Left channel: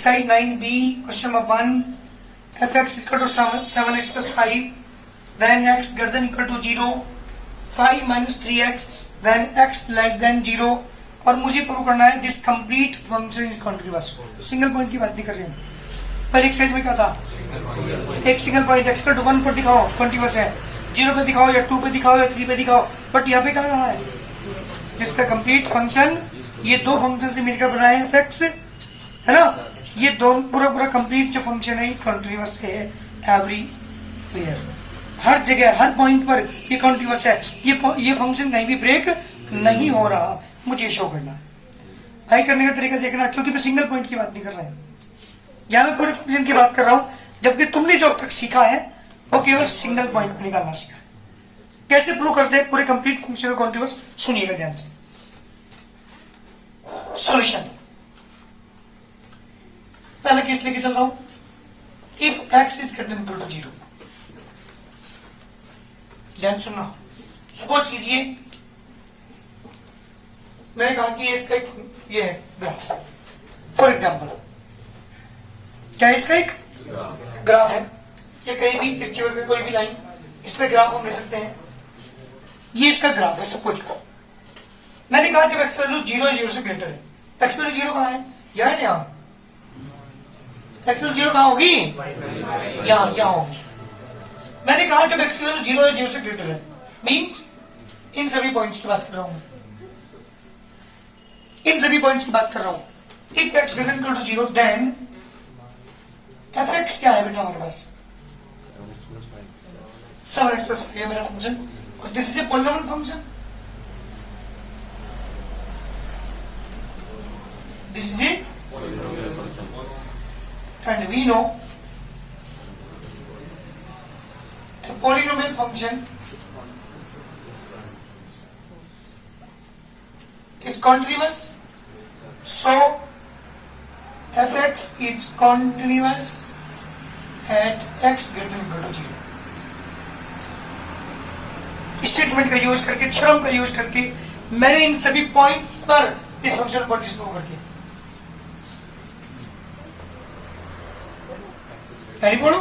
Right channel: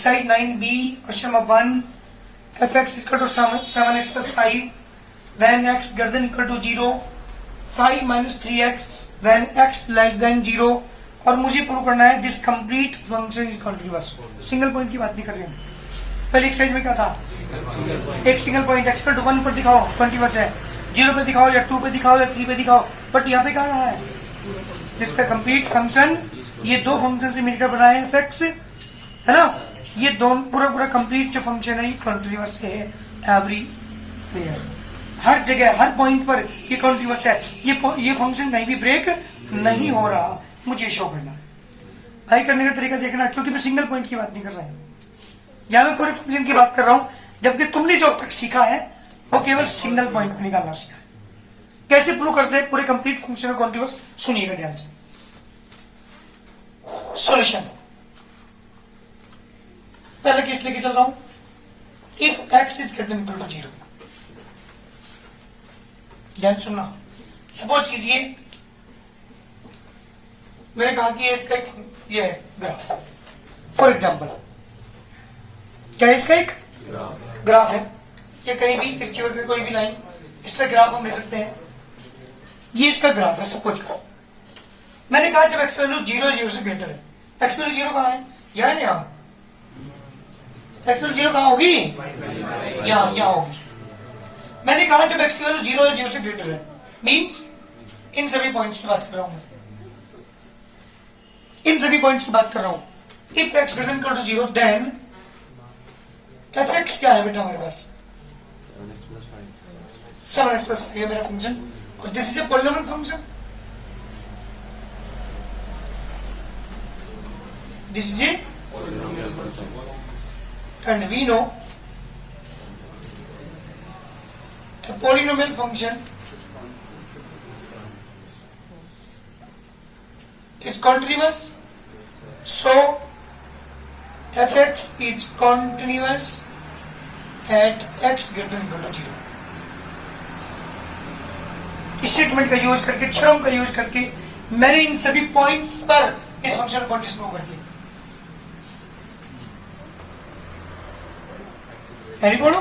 Exercise 9b question number 1 f x equal to 7x plus 5 when x greater than equal to 0 5 minus 3x when x less than 0 और मुझे prove करना है this complete function is continuous. Single point की बात नहीं कर रहे हैं। पहले एक्सरसाइज में क्या था, एक single point x equal to 1 पर दिखाओ कॉन्टिन्यूअस है, 0 पे दिखाओ या 2 पे दिखाओ या 3 पे दिखाओ, बट यहाँ पे क्या है इसका कंप्लीट फंक्शन, ये दो फंक्शन से मिलकर बना है fx, है ना। ये दोनों पूरा कंप्लीट जो फंक्शन है ये कॉन्टिन्यूअस है एवरीवेयर, हर जगह हर पॉइंट पर ये कॉन्टिन्यूअस है। ये फंक्शन कहीं भी ब्रेक नहीं हो रहा, मुझे शो करना है। भाई करने का तरीका देखना, क्योंकि मैं सिंगल पॉइंट की बात नहीं कर रहा हूं, यहां मैं पूरे फंक्शन की बात कर रहा हूं, जबकि तुमने जो अब तक सीखा है वो केवल सिंगल पॉइंट को निकालना सीखा है। कैसे प्रूव करते हैं पूरे कंप्लीट फंक्शन कॉन्टिन्यूअस, सुनिएगा ध्यान से। सॉल्यूशन पहले केस लेके चल रहा हूं, if x is greater than equal to 0, ध्यान सुनना। सपोज कीजिए मैंने कहा कि इसका एक ये है ग्राफ, फॉर एग्जाम्पल क्या है इसका एक ग्राफ है, ये कहीं भी पिक्चर पे कोई भी लाइन इस पे ग्राफ हम ले सकते हैं, ये इसका ग्राफ है। सपोज करो मैंने कहा जब एक्स वैल्यू 0 से ग्रेटर है, एक्स वैल्यू 0 कहां है, यहां है, यहां एक्स वैल्यू 0 कहां होगी, यहां होगी। मैंने कहा जब एक्स वैल्यू 0 से ग्रेटर है, मींस इन सभी पॉइंट्स की बात कर रहा हूं, इन सभी पॉइंट्स की बात कर रहा हूं। If x greater equal to 0 then f x क्या है बेटा हमारे पास, 7x प्लस 5 है मेरा फंक्शन, और this is a polynomial function, this is a and we know a polynomial function is continuous, so fx is continuous at x greater than equal to 0। Statement का use करके, theorem का use करके मैंने इन सभी points पर इस function को prove कर दिया। बोलो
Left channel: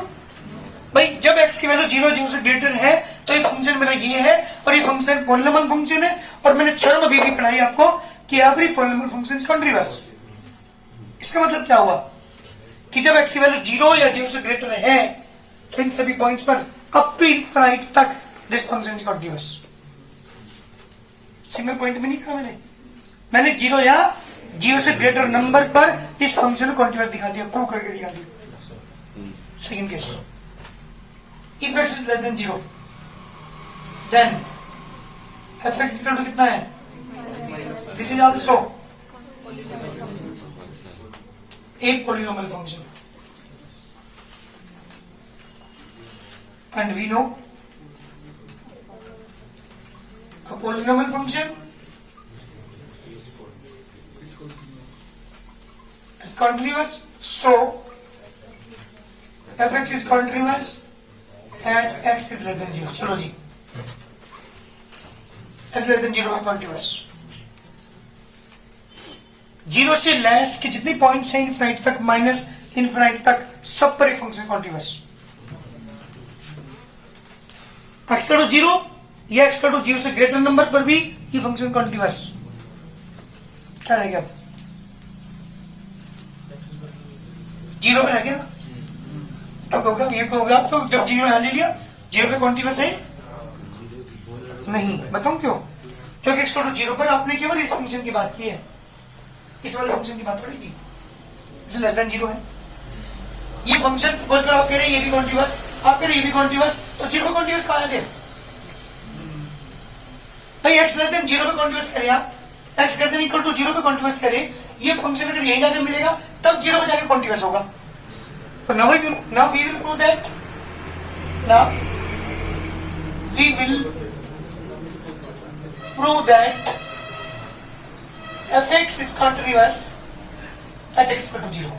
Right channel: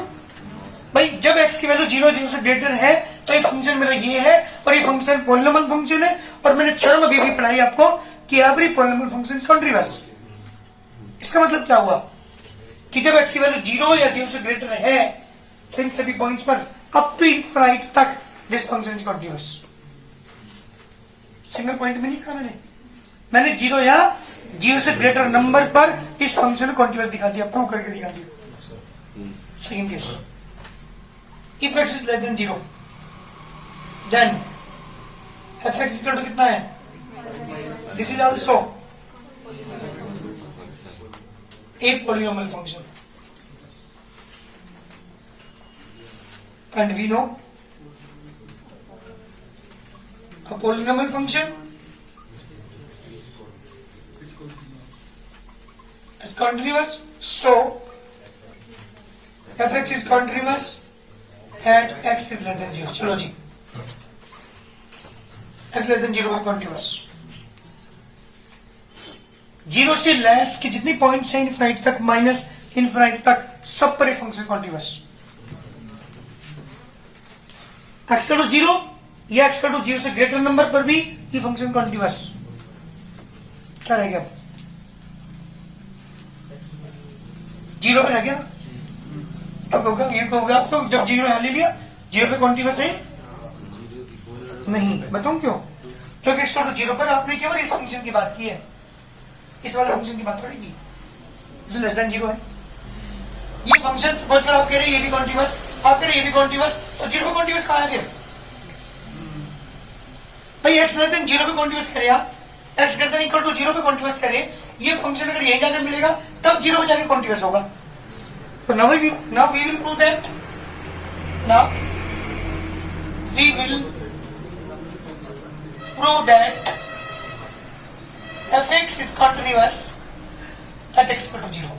भाई, जब x की वैल्यू 0 से ग्रेटर है तो ये फंक्शन मेरा ये है, और ये फंक्शन पॉलिनोमियल फंक्शन है, और मैंने थ्योरम अभी भी पढ़ाई आपको कि every polynomial function is continuous. इसका मतलब क्या हुआ कि जब x की वैल्यू 0 या 0 से ग्रेटर है तो इन सभी पॉइंट्स पर अप टू इनफाइनाइट तक this function is continuous. Single point में नहीं कहा मैंने 0 या 0 से ग्रेटर नंबर पर इस फंक्शन को कॉन्टिन्यूअस दिखा दिया, प्रूव करके दिखा दिया। Second case, if x is less than 0, then f x is equal to कितना है, this is also a polynomial function, and we know a polynomial function is continuous, so fx is continuous at x is less than 0। चलो जी, x less than 0 है continuous। 0 से less के जितने points हैं infinite तक minus infinite तक, सब पर फंक्शन continuous। x का 0 या x का 0 से ग्रेटर नंबर पर भी ये फंक्शन continuous। क्या रह गया, 0 पे रह गया ना, तो होगा ये होगा आपको, जब 0 यहां ले लिया 0 पे कॉन्टिन्यूअस है नहीं, बताऊं क्यों, क्योंकि x टू 0 पर आपने केवल इस फंक्शन की बात की है, इस वाले फंक्शन की बात थोड़ी की, जो लेस देन 0 है। ये फंक्शन सपोज करो आप कह रहे हैं ये भी कॉन्टिन्यूअस, आप कह रहे हैं ये भी कॉन्टिन्यूअस, तो 0 पे कॉन्टिन्यूअस कहां है फिर भाई, x लेस देन 0 पे कॉन्टिन्यूअस करें आप, x greater than equal to 0 पे कॉन्टिन्यूअस करें, ये फंक्शन अगर यही जाकर मिलेगा तब 0 पे जाकर कॉन्टिन्यूअस होगा। So now we will prove that. Now we will prove that fx is continuous at x equal to 0।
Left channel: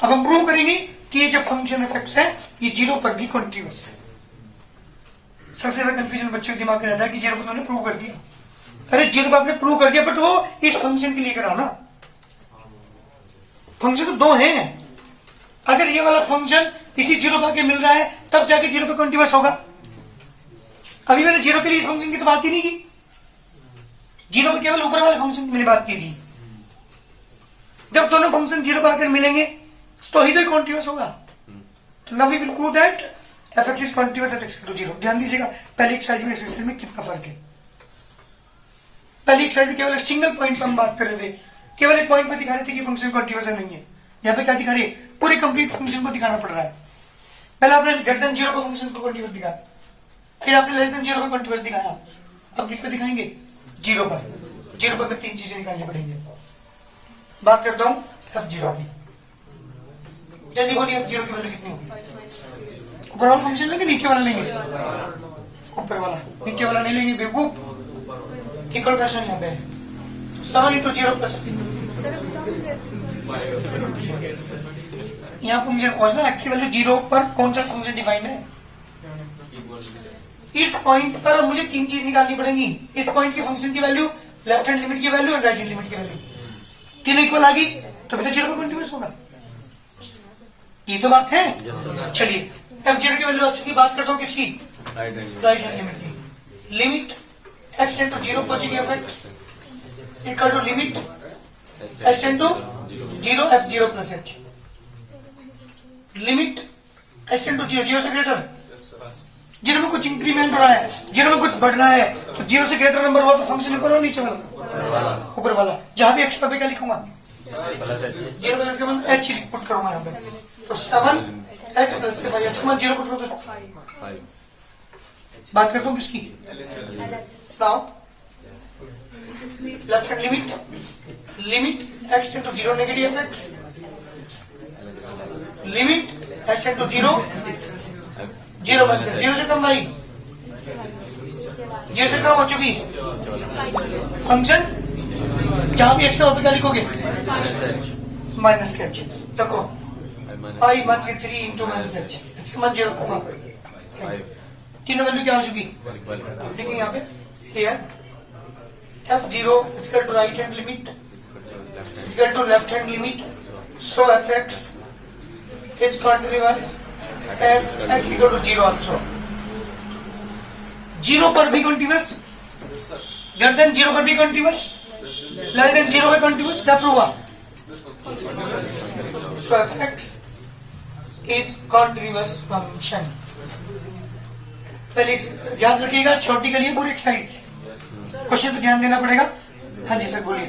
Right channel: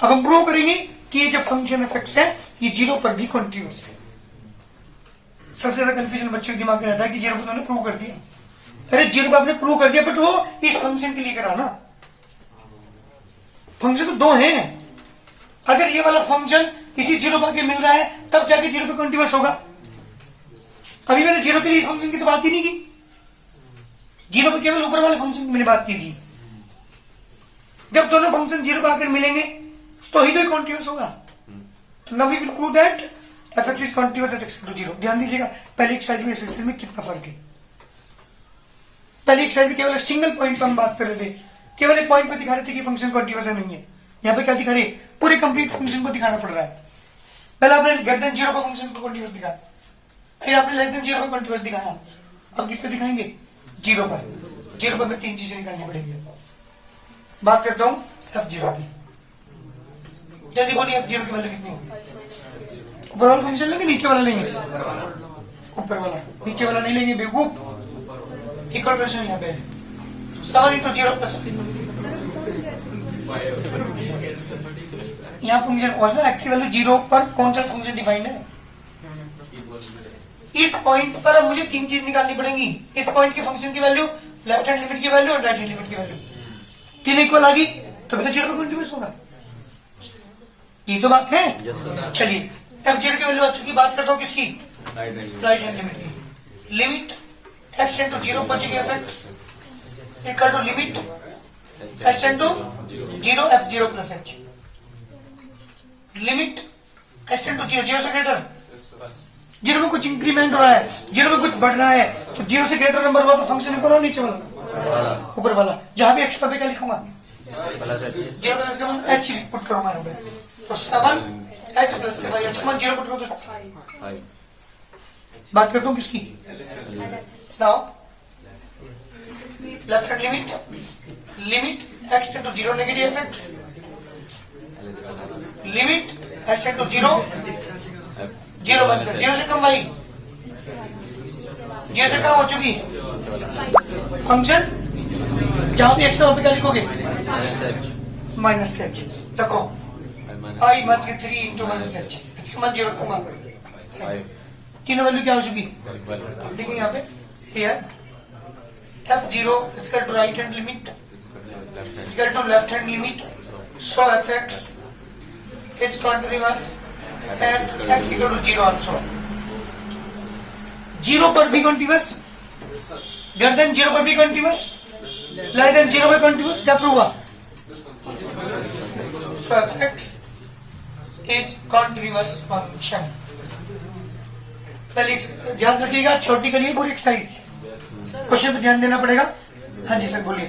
अब हम प्रूव करेंगे कि ये जो फंक्शन fx है ये 0 पर भी कॉन्टिन्यूअस है। सबसे ज्यादा कंफ्यूजन बच्चों के दिमाग में रहता है कि 0 पर उन्होंने प्रूव कर दिया, अरे 0 पर आपने प्रूव कर दिया बट वो इस फंक्शन के लिए करा ना, फंक्शन तो दो हैं। अगर ये वाला फंक्शन इसी जीरो पर मिल रहा है तब जाके जीरो पे कॉन्टिन्यूअस होगा। अभी मैंने जीरो के लिए इस फंक्शन की तो बात ही नहीं की, जीरो पे केवल ऊपर वाले फंक्शन की मैंने बात की थी। जब दोनों फंक्शन जीरो पर आकर मिलेंगे तो ही तो कॉन्टिन्यूअस होगा। तो now we will prove that f(x) is continuous at x = 0। ध्यान दीजिएगा पहले एक्सरसाइज में इस एक्सरसाइज में कितना फर्क है। पहले एक्सरसाइज में केवल एक सिंगल पॉइंट पर हम बात कर रहे थे, केवल एक पॉइंट पर दिखा रहे थे कि फंक्शन कॉन्टिन्यूअस है नहीं है। यहाँ पे क्या दिखा रहे, पूरे कंप्लीट फंक्शन को दिखाना पड़ रहा है। पहले आपने ग्रेटर देन 0 पर फंक्शन को कॉन्टिन्यूअस दिखाया, फिर आपने लेस देन 0 पर कॉन्टिन्यूअस दिखाया। अब किस पे दिखाएंगे, 0 पर। 0 पर में 3 चीजें निकालनी पड़ेंगी। बात करता हूं f0 की, जल्दी बोलिए f0 की वैल्यू कितनी होगी। ऊपर वाला फंक्शन लेंगे, नीचे वाला लेंगे, ऊपर वाला, नीचे वाला नहीं लेंगे बेवकूफ। इक्वल क्वेश्चन यहाँ पे 7 × 0 यहाँ फंक्शन पहुंचना, x की वैल्यू 0 पर कौन सा फंक्शन डिफाइंड है। इस पॉइंट पर मुझे 3 चीज निकालनी पड़ेंगी। इस पॉइंट की फंक्शन की वैल्यू, लेफ्ट हैंड लिमिट की वैल्यू और राइट हैंड लिमिट की वैल्यू, तीनों इक्वल आ गई तो 0 पर कॉन्टिन्यूअस होगा। ये तो बात है। चलिए f0 की वैल्यू आ चुकी, बात करता हूँ किसकी, राइट हैंड लिमिट की। लिमिट x × 0 पहुंचेगी f(x) equal to limit s × 0 f0 + h। Limit s × 0, 0 से ग्रेटर, 0 में कुछ इंक्रीमेंट हो रहा है, 0 में कुछ बढ़ रहा है, तो 0 से ग्रेटर नंबर हुआ तो फंक्शन ऊपर वाला नीचे वाला, ऊपर वाला। जहां भी x पर क्या लिखूंगा, 0 प्लस का मतलब h पुट करूंगा यहाँ पे, तो 7h + 5h का 0 पुट करो तो 5। बात करता हूँ किसकी, now left hand limit x × 0 negative f(x), limit s × 0 0 बन सकता, 0 से कम भाई, 0 से कम हो चुकी फंक्शन। जहां भी x है वहां पे क्या लिखोगे, -h रखो, i मत 3 × -h, h का 0 रखूंगा, तीनों वैल्यू क्या हो चुकी, लिखेंगे यहाँ पे here f0 equal to right hand limit equal to left hand limit, so f(x) is continuous and x equal to 0 also। 0 पर भी कॉन्टिन्यूअस, ग्रेटर देन 0 पर भी कॉन्टिन्यूअस, लेस देन 0 पर कॉन्टिन्यूअस, क्या प्रूव हुआ, so f(x) is continuous function। पहले याद रखिएगा, छोटी के लिए पूरी एक्सरसाइज, क्वेश्चन पे ध्यान देना पड़ेगा। हाँ जी सर बोलिए।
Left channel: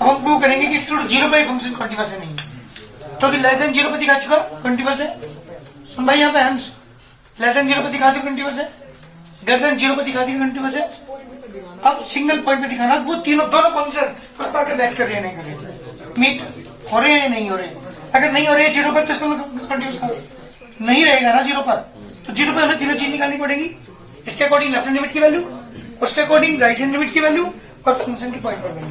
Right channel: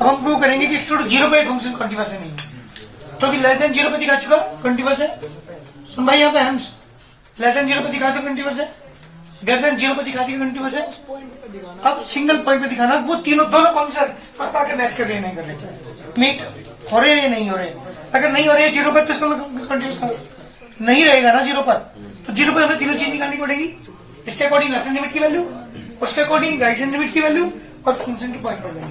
अब हम प्रूव करेंगे कि x = 0 पे फंक्शन कॉन्टिन्यूअस है नहीं, क्योंकि लेस देन 0 पे दिखा चुका कॉन्टिन्यूअस है। सुन भाई यहाँ पे हम लेस देन 0 पे दिखा दो कॉन्टिन्यूअस है, ग्रेटर देन 0 पे दिखा दिया कॉन्टिन्यूअस है। अब सिंगल पॉइंट पे दिखाना, वो दोनों फंक्शन उस पर आकर मैच कर रहे हैं नहीं कर रहे, मीट हो रहे हैं नहीं हो रहे। अगर नहीं हो रहे 0 पर तो इसको कॉन्टिन्यूअस का नहीं रहेगा ना 0 पर, तो 0 पर हमें तीनों चीज निकालनी पड़ेगी। इसके अकॉर्डिंग लेफ्ट हैंड लिमिट की वैल्यू, उसके अकॉर्डिंग राइट हैंड लिमिट की वैल्यू और फंक्शन के पॉइंट पर वैल्यू।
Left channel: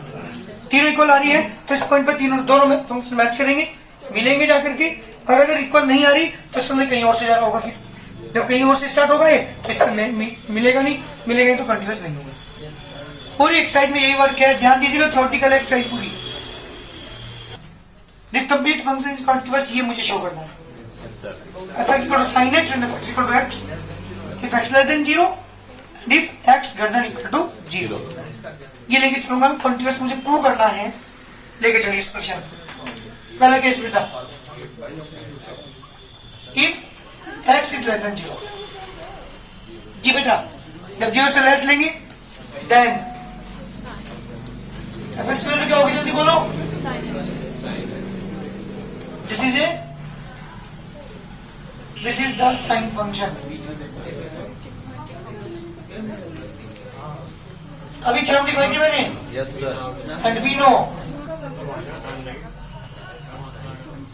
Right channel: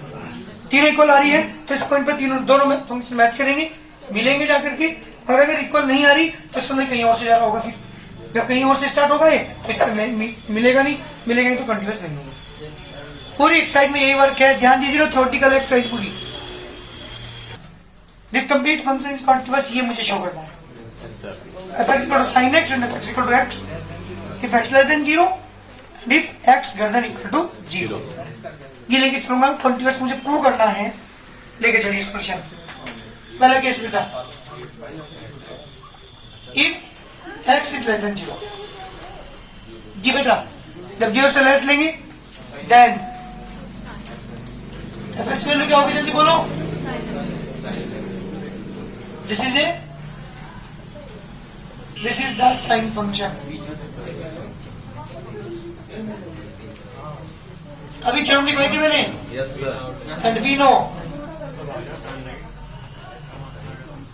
तीनों इक्वल आ रही है तो इस पॉइंट पर दोनों में फंक्शन मैच करेंगे, मिलेंगे जाकर के। और अगर इक्वल नहीं आ रही तो इसमें कहीं और से जा रहा होगा, फिर जब कहीं और से स्टार्ट होगा तो इसमें मिलेगा नहीं, मिलेगा नहीं तो कंटिन्यूअस नहीं होगा। पूरी एक्सरसाइज में यही वर्क है, ध्यान दीजिएगा, थ्योरेटिकल एक्सरसाइज पूरी। The complete function is continuous, ये मुझे शो करना है। f(x) = sin x and f(x) = x if x less than 0 and if x greater than equal to 0। ये लेके चलूंगा, कॉन्टिन्यूअस मुझे प्रूव करना है, लेके चलिए इस क्वेश्चन। पहला केस बेटा, if x is less than 0, जी बेटा जब 0 से लेस लेंगे देन f(x) वैल्यू क्या होगी, जल्दी बोलो। This is the sine function। अभी थ्योरम लिखवाई थी मैंने, Yes sir। and we know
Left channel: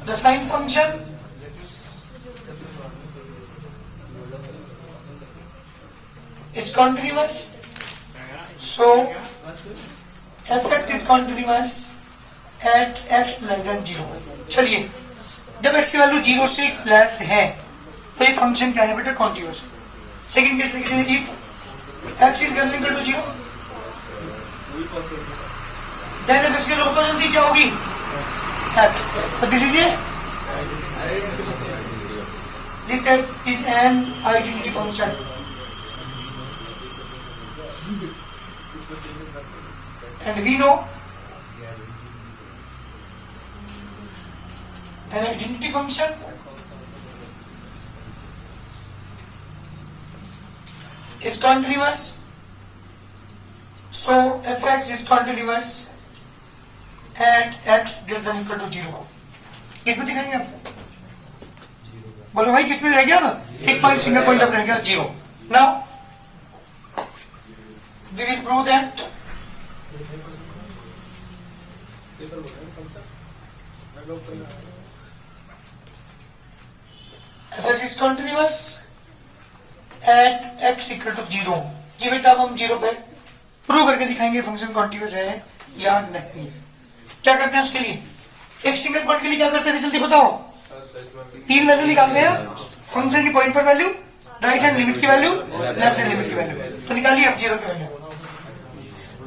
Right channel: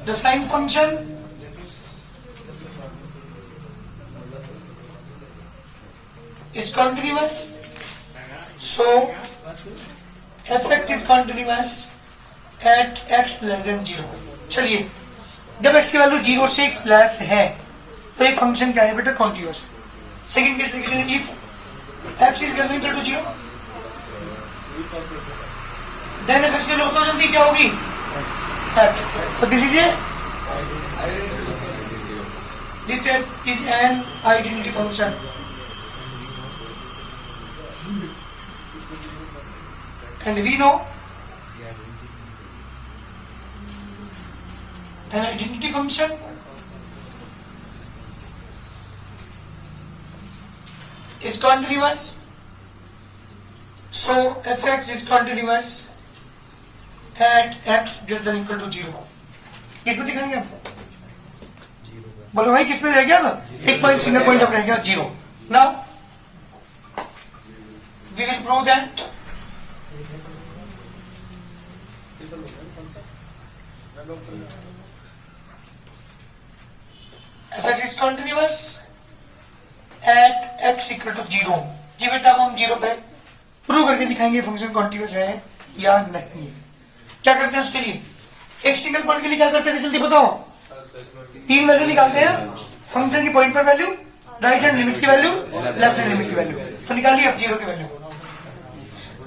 the sine function is continuous, so f(x) is continuous at x less than 0। चलिए जब x की वैल्यू 0 से लेस है तो ये फंक्शन क्या है बेटा, कॉन्टिन्यूअस। सेकंड केस लिखते हैं, if x is greater than 0, then f x की लोग तो जल्दी क्या होगी x. So this is an identity function. And we know an identity function is continuous. So fx is continuous at x greater than equal to 0. किसमें दिखाएंगे आप? बोलो भाई किसमें रह गया ना? एक पॉइंट सिंगल पॉइंट अब रह गया 0. Now we will prove that fx is continuous at x equal to 0. जी बेटा अब हम 0 पे प्रूव करके दिखाएंगे फंक्शन कॉन्टिन्यूअस है या नहीं. क्या करते हैं उसके लिए? एक सिंगल पॉइंट के लिए क्या करते हैं जल्दी बताओ. 3 वैल्यू निकालते हैं फंक्शन की पॉइंट पर वैल्यू, राइट हैंड लिमिट की वैल्यू, लेफ्ट हैंड लिमिट की वैल्यू. तो निकालिए f0 की वैल्यू.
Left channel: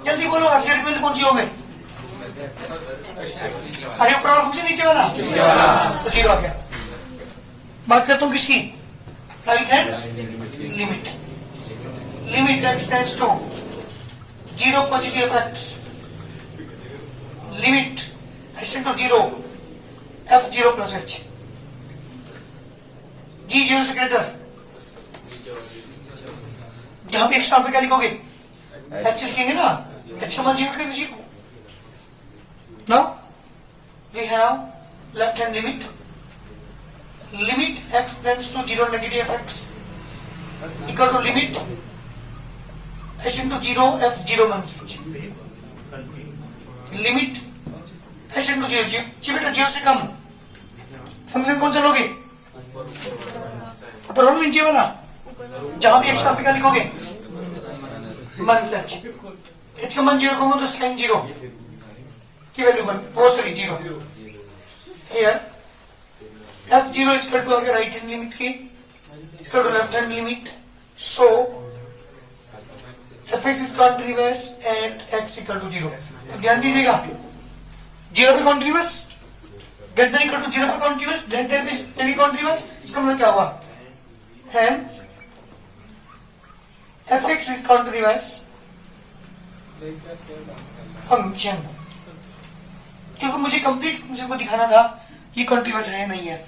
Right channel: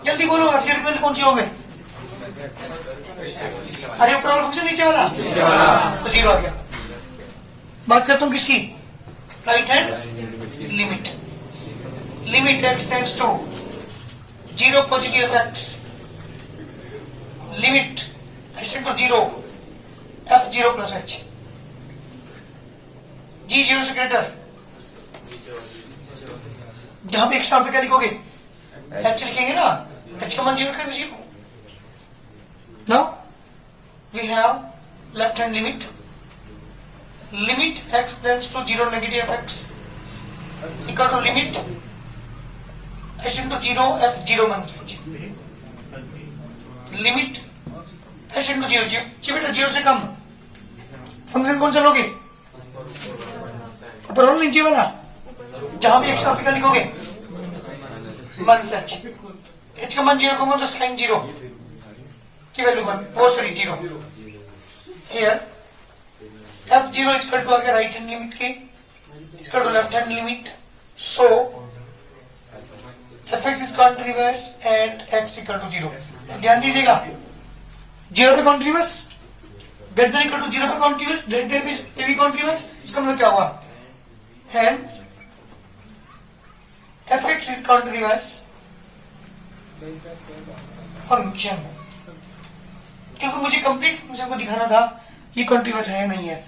जल्दी बोलो f0 की वैल्यू कौन सी हो गई? अरे ऊपर वाला फंक्शन नीचे वाला तो 0 आ गया. बात करता हूं किसकी? Right hand limit. Limit x tends to 0 positive x. Limit h to 0 f0 plus h. g 0 से ग्रेटर. जहां पे x पे क्या लिखोगे? h लिखेंगे ना. h का मान 0 के 0. Now we have left hand limit. Limit x tends to 0 negative x equal to limit h into 0 f0 minus h. Limit h into 0 जी बेटा 0 से कम. फंक्शन कौन सा लोगे? ऊपर वाला नीचे वाला. जहां भी x पे क्या लिखोगे? Minus h. h का मान 0 कहूंगा तो साइन 0 की value 0. Here f0 is equal to आ गया राइट हैंड लिमिट की equal to left hand limit. So fx is continuous at x equal to 0. ध्यान दीजिएगा 0 पे continuous, greater than equal to 0 पे कॉन्टिन्यूअस, लेस देन पे भी कॉन्टिन्यूअस. इसका मतलब क्या हुआ? Hence fx is continuous function. क्योंकि मुझे कंप्लीट फंक्शन को दिखाना था ये कॉन्टिन्यूअस है नहीं है.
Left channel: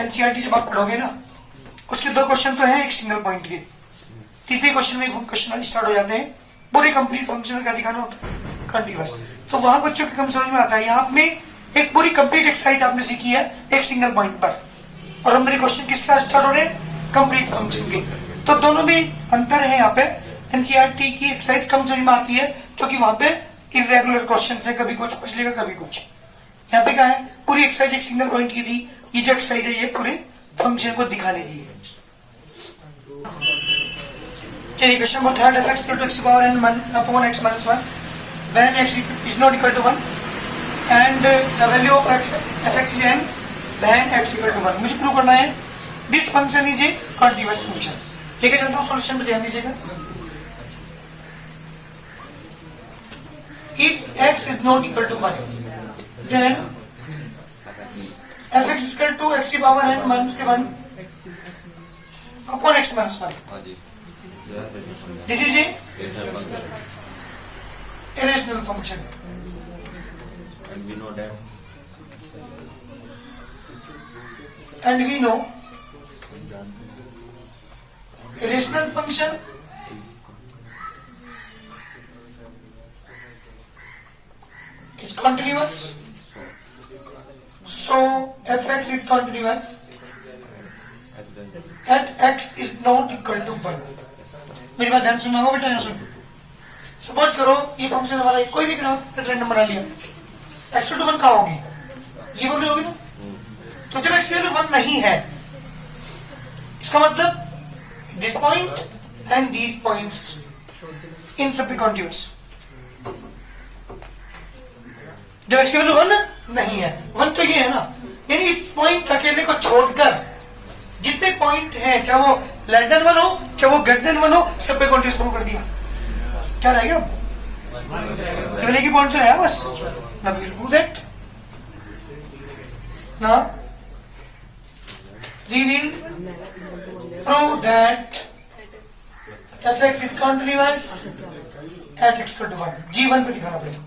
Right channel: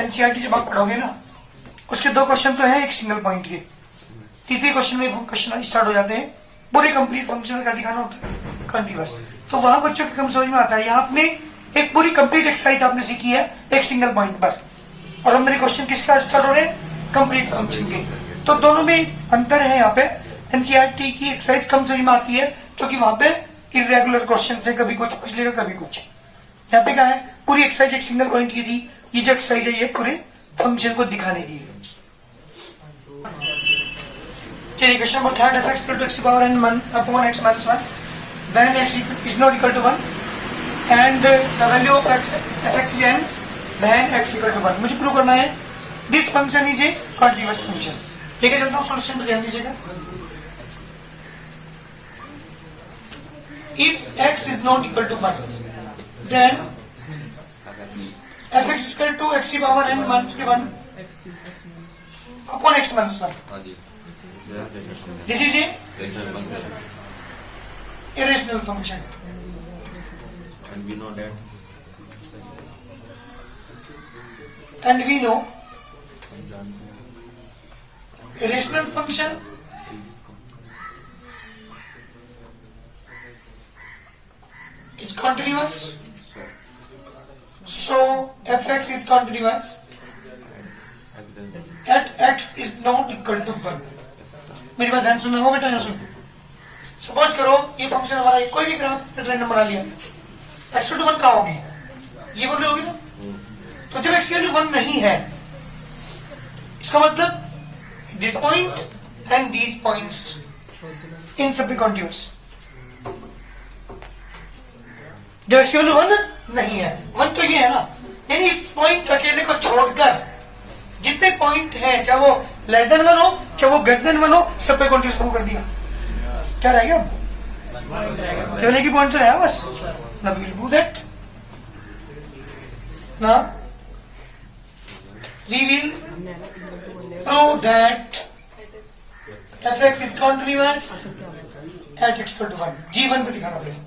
एनसीईआरटी जब आप पढ़ोगे ना उसके 2 क्वेश्चन तो हैं एक सिंगल पॉइंट के. तीसरे क्वेश्चन में क्वेश्चन स्टार्ट हो जाते हैं पूरे कंप्लीट फंक्शन का दिखाना होता है कंटिन्यूअस. तो वहां बच्चों के कम समझ में आता है. यहाँ आपने एक पूरी कंप्लीट एक्सरसाइज आपने सीखी है एक सिंगल पॉइंट पर, और हमारे क्वेश्चन किसका स्टार्ट हो रहे हैं? कंप्लीट फंक्शन के. तो दोनों में अंतर है. यहाँ पे एनसीईआरटी की एक्सरसाइज कम समझ में आती है क्योंकि वहां पे इरेगुलर क्वेश्चन है, कभी कुछ पूछ लेगा कभी कुछ. यहाँ पे क्या है? पूरी एक्सरसाइज एक सिंगल पॉइंट की थी. ये जो एक्सरसाइज है ये पूरे फंक्शन को दिखाने की है. चलिए question number 3. f x to x power n 1 upon x minus 1 when x is not equal to 1 and the value of f(x) is n when x equal to 1. मुझे प्रूव करना है this function is a continuous function. ठीक है, चलता हूँ solution पे ध्यान दीजिएगा. If x is not equal to 1 then f(x) is equal to x की power n minus 1 upon x minus 1. This is a irrational function. And we know that. And we know irrational function is continuous. So fx is continuous at x is not equal to 1. मेरी बात ध्यान सुनना हो बेटा. यहाँ सुन. Suppose करो ये function हमारा कोई भी ग्राफ रैंडम बना लिया. x to 1 का होगी ये वैल्यू होगी ना. तो जब x वैल्यू 1 नहीं है इसका मतलब this point and these points in सब पे कॉन्टिन्यूअस. जब x वैल्यू 1 नहीं है, 1 तो ये है ना, यानी इस पॉइंट अकेले को छोड़कर जितने पॉइंट हैं चाहे वो लेस देन 1 हो चाहे वो ग्रेटर देन 1 हो सब पे कॉन्टिन्यूअस प्रूव कर दिया. क्या रहेगा? केवल एक ही पॉइंट तो है बस. Now we'll do that. Now we will prove that fx is continuous at x equal to 1. G1 पे दिखाना पड़ेगा.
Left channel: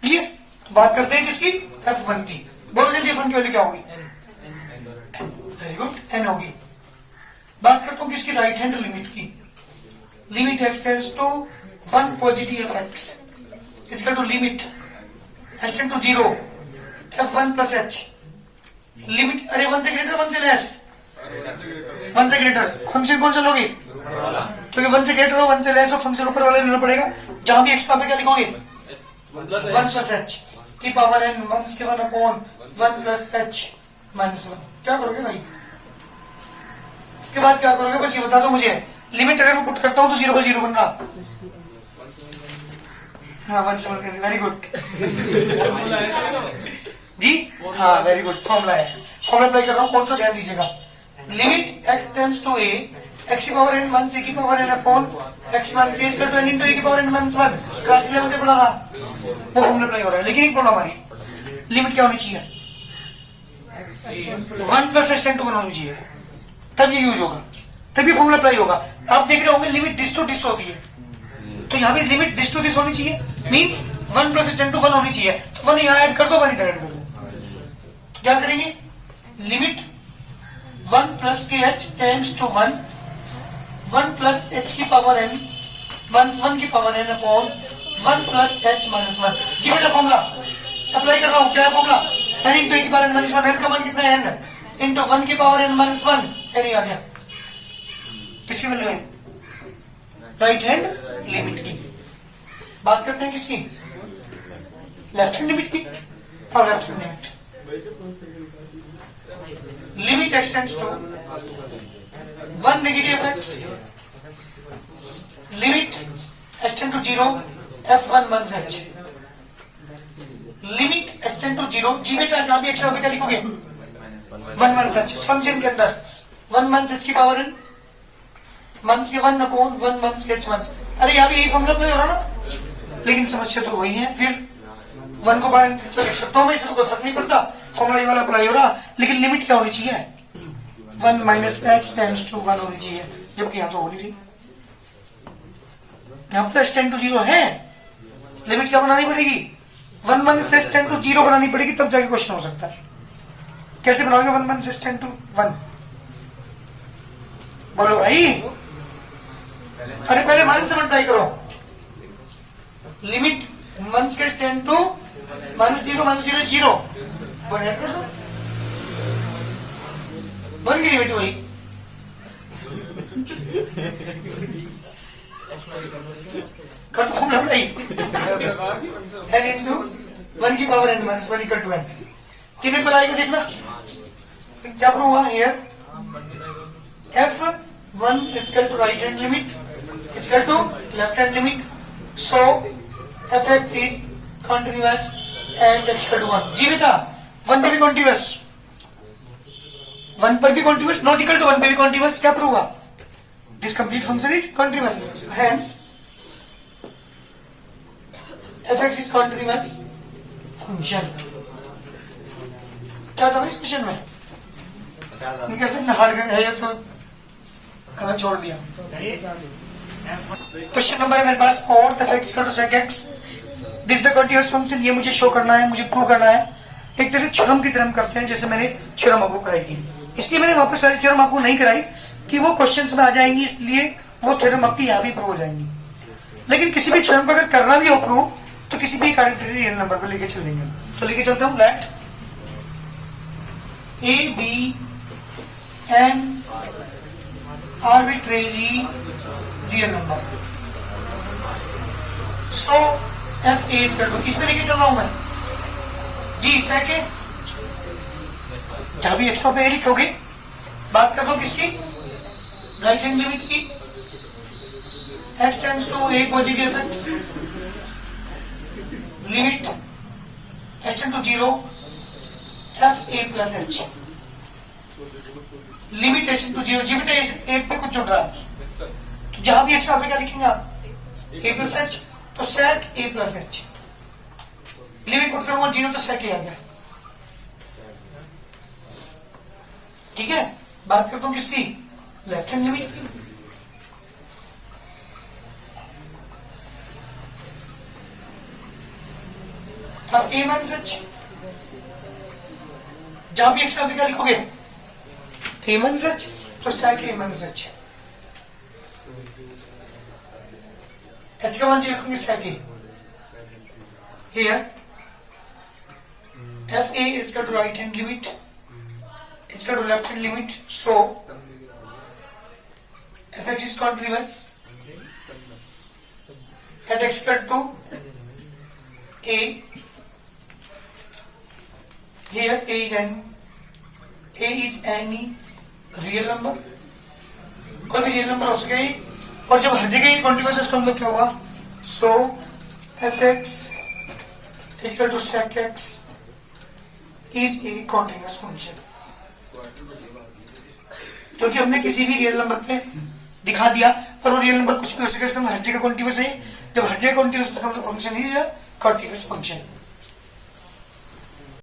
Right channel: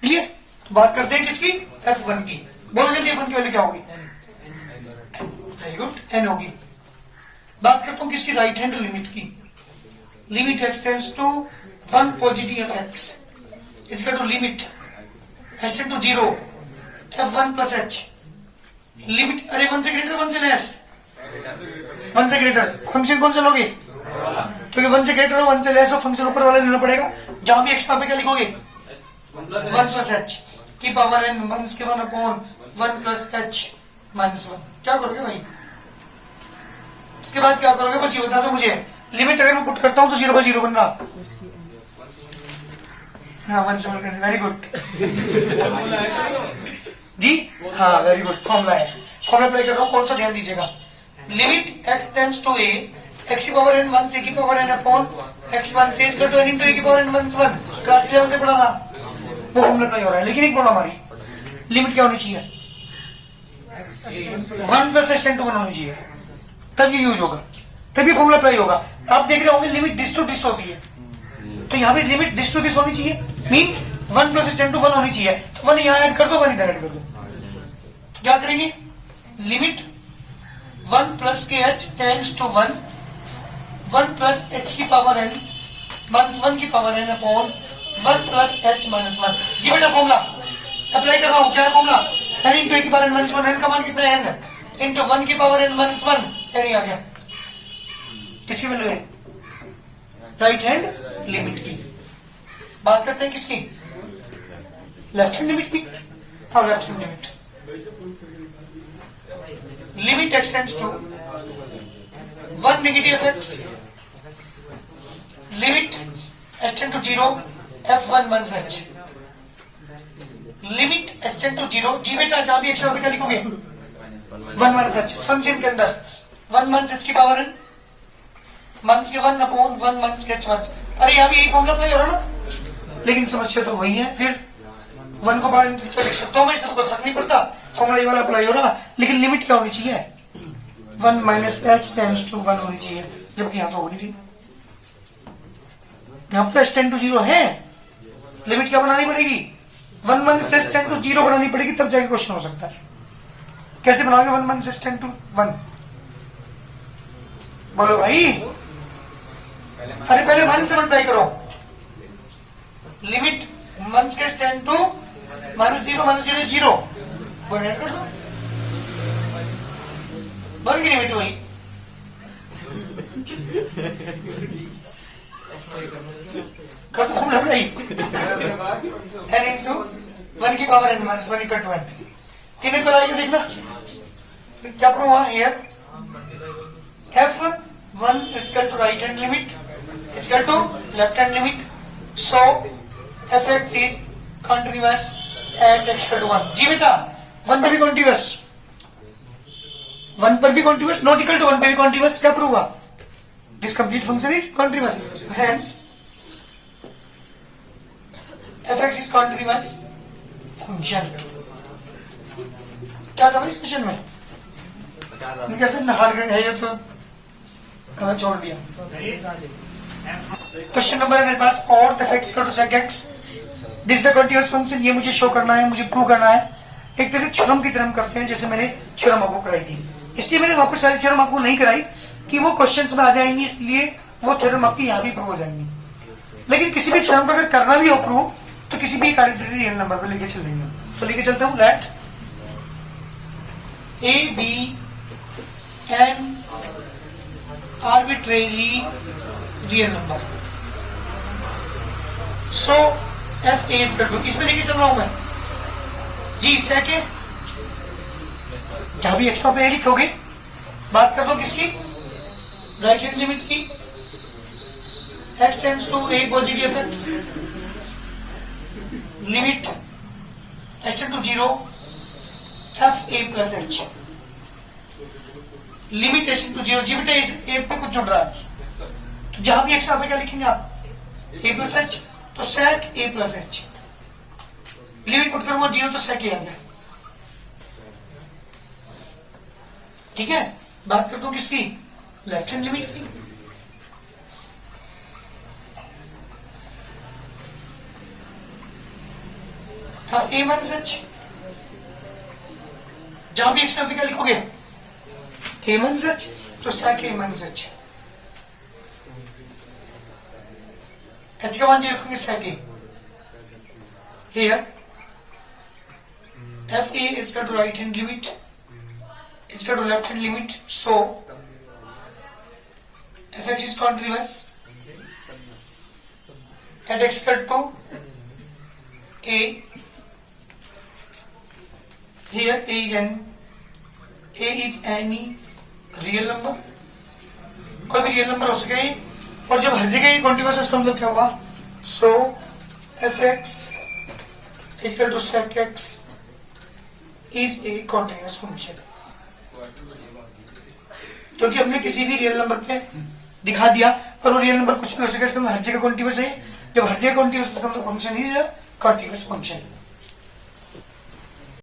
क्लियर? बात करते हैं किसकी? f1 की. बोल जल्दी f1 की वैल्यू क्या होगी? वेरी गुड, n होगी. बात करता हूं किसकी? राइट हैंड लिमिट की. Limit x tends to 1 positive of x is equal to limit h tend to 0 f1 plus h. Limit अरे 1 से ग्रेटर 1 से लेस 1 से ग्रेटर. फंक्शन कौन सा लोगे? क्योंकि 1 से ग्रेटर हो 1 से लेस हो फंक्शन ऊपर वाला लेना पड़ेगा. जहां भी x का क्या लिखोगे? 1 प्लस h की पावर n माइनस के 1 अपॉन 1 प्लस h माइनस 1. क्या करोगे भाई? इसके बाद क्या करोगे बस ये बता दो मुझे. लिमिट अगर मैं पुट करता हूं तो 0 by 0 बनना. हाँ 1 से 1. वेरी गुड जी. हाँ वेरी गुड. फॉर्मूला है. फॉर्मूला अप्लाई कर रहा हूं. कौन सा ध्यान दीजिएगा. Limit x tends to a x की पावर n 1 से की पावर n अपॉन x1 से इसका तो n इंटू a की पावर n 1 क्लास 11 में पढ़ा था. वो फॉर्मूला अप्लाई हो रहा है. लेकिन एक प्रॉब्लम हमारी लिमिट क्या होनी चाहिए? 1 प्लस h टेंड टू 1 होनी चाहिए. तब ये यूज होगा. तभी फॉर्मूला अप्लाई होगा. आप देख रहे होंगे लिमिट डिस टू डिस होती है. तो यहाँ पे लिमिट डिस टू डिस होनी चाहिए. Means 1 plus h tend to 1 होनी चाहिए. तो 1 यहाँ ऐड कर दो 1 इधर ऐड कर दो. तो क्या करेंगे? लिमिट 1 प्लस के h tends to 1 plus h की पावर n माइनस 1 की power n upon 1 plus h minus 1. जी बेटा फॉर्मूला अप्लाई कर रहा हूं. क्या है फॉर्मूला? n इंटू a की पावर n माइनस 1. n का मान कितना है? n इंटू 1 की पावर n माइनस 1. n आ गया. किसकी वैल्यू है? राइट हैंड लिमिट की. बात करते हैं किसकी? लेफ्ट हैंड लिमिट की. और left hand limit limit x tends to 1 negative x limit h tend to 0 f1 minus h limit h tend to 0. जी बेटा जहां भी x होगा क्या लिखोगे? 1 माइनस h. फंक्शन के अंदर 1 माइनस h की पावर n माइनस के 1 अपॉन 1 माइनस h माइनस. अरे यहाँ भी यही फॉर्मूला अप्लाई हो रहा ना. लेकिन समस्या तो वही है. फिर 1 को बाहर तो लिख सकता हूं मैं. इससे कोई फर्क नहीं पड़ता. फॉर्मूला ये वाला अप्लाई हो रहा. लेकिन लिमिट क्या होनी चाहिए? 1 माइनस h टेंड्स टू 1 होनी चाहिए. जबकि यहाँ तो हो नहीं रही. यहाँ पर h टेंड टू 0 है. लिमिट क्या बनानी पड़ेगी? 1 माइनस h टेंड टू 0 बनानी पड़ेगी. तब जाके क्वेश्चन हो सकता है. कैसे बनाओगे 1 माइनस h टेंड टू 1? बोलो भाई. अरे पहले माइनस से मल्टीप्लाई करो. लिमिट माइनस के tend to minus 0 one add कर दो. बन गई लिमिट वही. कर दो फॉर्मूला अप्लाई. n इंटू 1 की power n minus 1 equal to n. कितने को लाएगा देखना. क्या प्रूव हुआ here? f1 is equal to right hand limit is equal to left hand limit. So fx is continuous at x equal to 1. जी बेटा 1 पे भी continuous. 1 पर भी continuous not equal to 1 पे भी continuous. क्या प्रूव हुआ? This complete function is continuous. Hence fx is continuous function. क्या था इस क्वेश्चन में? नहीं कहते नहार का है ये तो हमें छोड़ दिया. क्वेश्चन नंबर है मेरे पास 4 fx equal to sec x. This the continuous function. ये मुझे शो करना है. मुझे प्रूव करना है. एक तरह से थ्योरम की तरह हम करते हैं जैसे मैंने थ्योरम आपको कराई थी. इसलिए मैंने वापस सारी थ्योरम आपको नहीं कराई कि वो क्वेश्चंस में आ जाएंगी. इसलिए वो थ्योरम आपकी यहाँ भी प्रूव हो जाएंगी. लेकिन किसी भी थ्योरम को अगर करना भी हो प्रूव तो किसी भी आर्बिट्रेरी रियल नंबर पर लेके चल देंगे. तो लेके चलते हूँ. Let a b n arbitrarily real number. So f a is equal to. इसमें लेके चल रहा हूं मैं जी. सेकेंड क्या भी एक्स्ट्रा पे लिखोगे. बात कर दो किसकी? राइट हैंड लिमिट की. x tends to a positive x limit h tend to 0 f a plus h limit h tend to 0. जी बेटा एक पे कुछ जुड़ रहा है. तो जहां भी एक्स्ट्रा पे क्या लिखेंगे आप? ए प्लस एच, तो sec a plus H. Limit put करूंगा 0 तो sec a आ गया। ठीक है, बात करता हूं किसकी, लेफ्ट हैंड लिमिट की। अब a माइनस एच, जहां भी एक्स का क्या लिखोगे a माइनस एच, तो sec a minus H. H का मान जो लिखोगे sec a। Here f a is equal to right hand limit, is equal to left hand limit, so f x is continuous at x equal to a, here a is any real number, कोई भी real number हो सके, और जब हर जगह ये continuous है, इसका मतलब क्या होगा, so F X is equal to sec X is a continuous function. क्योंकि हमने किसी भी रियल नंबर पे दिखा दिया, और वो रियल नंबर कुछ भी हो सके, इसका मतलब हर जगह कॉन्टिन्यूअस है। जब हर जगह कॉन्टिन्यूअस, मतलब फंक्शन इज कॉन्टिन्यूअस फंक्शन।